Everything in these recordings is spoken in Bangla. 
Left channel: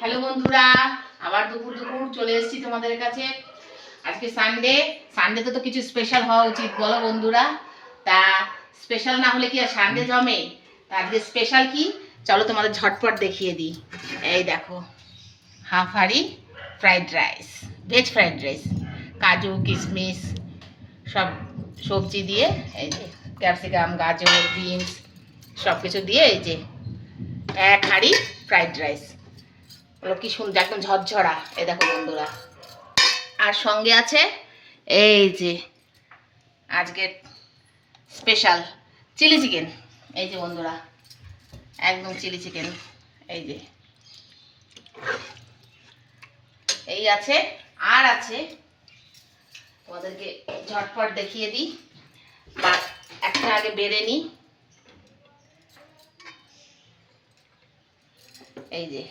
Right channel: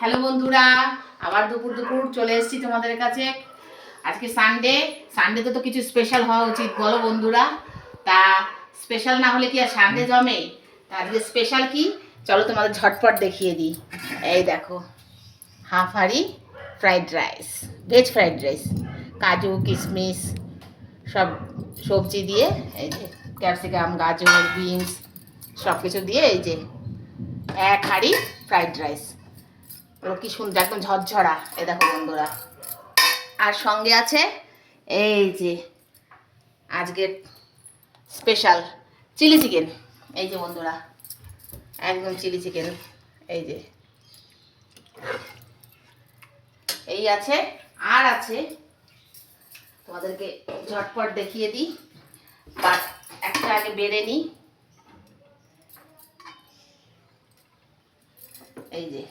হ্যালো বন্ধুরা, আবার দুপুর দুপুর চলে এসেছি তোমাদের কাছে। আজকে সানডেতে তো কিছু স্পেশাল হওয়া উচিত, বলো বন্ধুরা। তা স্পেশাল না হলে কি আর সানডে জমে? তা আজকে স্পেশাল কি, চলো তোমাদের ঝটপট দেখিয়ে দিই। এই দেখো, হাফ হাঁড়ি fried rice, veg fried rice, কাজু কিশমিশ সব সবজি দিয়ে, এই যে ক্যাপসিকাম, গাজর, বিনস সব কিছু দিয়ে এই যে এক হাঁড়ি ফ্রাইড রাইস। ওগুলো কি সুন্দর, একদম ঝরঝরা। এই দেখো বন্ধুরা, আর সঙ্গে আছে এই যে আজকের স্পেশাল চিলি চিকেন। এই যে বন্ধুরা, একদম চিলি চিকেন। এই যে এই আছে, আর আছে, তোমাদেরকে ঝটপট দেখিয়ে দিই। বা একটা আগে বেড়ে নিই। এই যে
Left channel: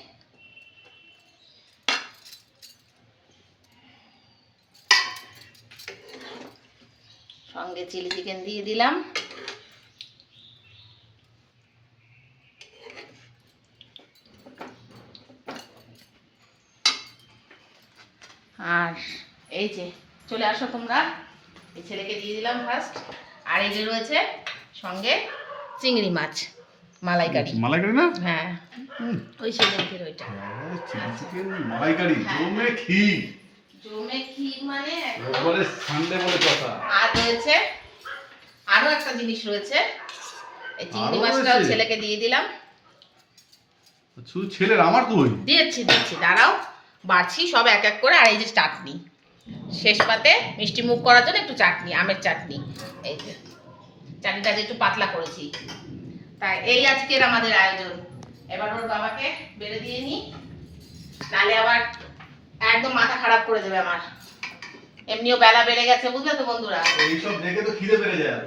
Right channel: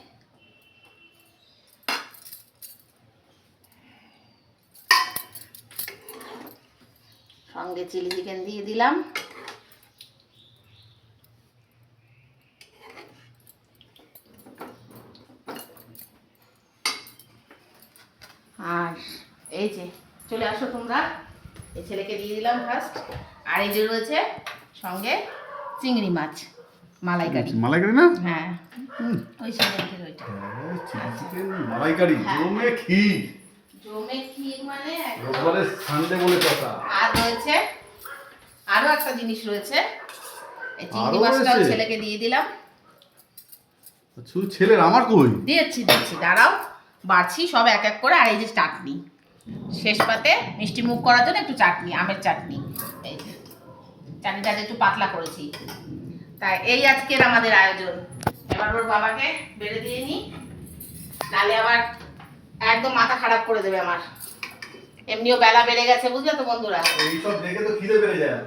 সঙ্গে চিলি চিকেন দিয়ে দিলাম। আর এই যে চলে আসো তোমরা, এই ছেলেকে দিয়ে দিলাম ফার্স্ট। আর এই যে রয়েছে সঙ্গে চিংড়ি মাছ মালাইকারি। মালাইকারি না? হ্যাঁ, ওই ছেলেদের ওইটা চিকেন মালাইকারি, জমে ক্ষীর। জমে ক্ষীর মানে রোববারে সানডে বলে কথা। আর রয়েছে আরো একটা জিনিস রয়েছে, এই চিংড়ি আরো মাছটাও রয়েছে? ছেলেকে দিয়ে দিলাম। শুধু ছেলের, আমার কই? দিচ্ছি দাঁড়াও, বাড়ছি সব এক এক করে। আর এই যে চাটনি, শেষ পাতে মিষ্টি মুখ করার জন্য একটু চাটনি, আমের চাটনি। এই যে চাটনিটা একটু পাতলা করেছি। তাই এই আজকের আমাদের আয়োজন। এবার ওর বাবাকে বেড়ে দিয়ে নি, নালে আবার একদম মাথা খারাপ করে দেবে আমার। এমনিও বেলা বেড়ে গেছে, বুঝলে তো বন্ধুরা। এইসব দেখে তো খিদে বেড়ে যায়।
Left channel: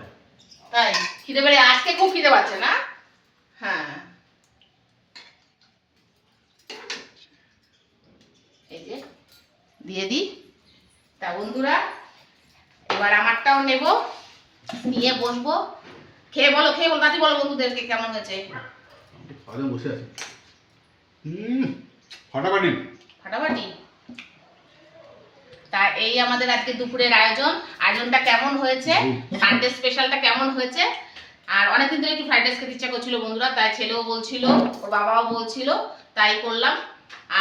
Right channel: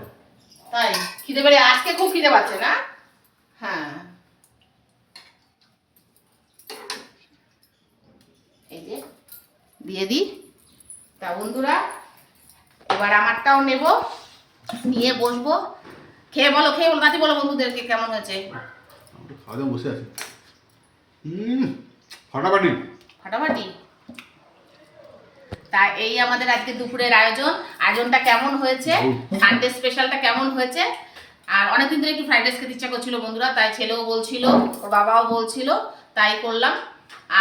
তাই খিদে বেড়ে, আজকে খুব খিদে পাচ্ছে না? হ্যাঁ, এই যে দিয়ে দিই। তা বন্ধুরা, এবার আমারটাও নেব, নিয়ে বসবো। খেয়ে বলো নাতি, বলো বন্ধুদেরকে কেমন হয়েছে। খাওয়া দাওয়া বসে আছে। ফাটাফাটি। ফাটাফাটি। তা এই আমাদের আজকে দুপুরের আয়োজনটা কেমন হয়েছে, সানডে স্পেশালটা কেমন হয়েছে। আর অনেকদিন ধরে একটু ফ্রাইড রাইস খেতে ইচ্ছা করছিল বন্ধুরা, তাই ছেলেও বলছিল, ওর বাবাও বলছিল, তাই করলাম।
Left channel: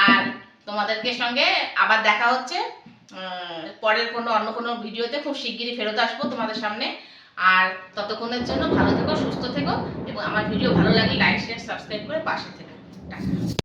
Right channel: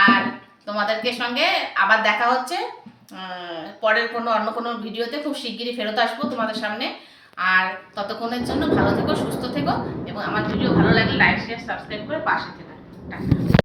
আর তোমাদেরকে সঙ্গে আবার দেখা হচ্ছে পরের অন্য কোনো ভিডিওতে। খুব শিগগিরই ফেরত আসবো তোমাদের সামনে। আর ততক্ষণের জন্য ভালো থেকো, সুস্থ থেকো, এবং আমার ভিডিও ভালো লাগলে লাইক শেয়ার সাবস্ক্রাইব করে পাশে থেকো। টাটা।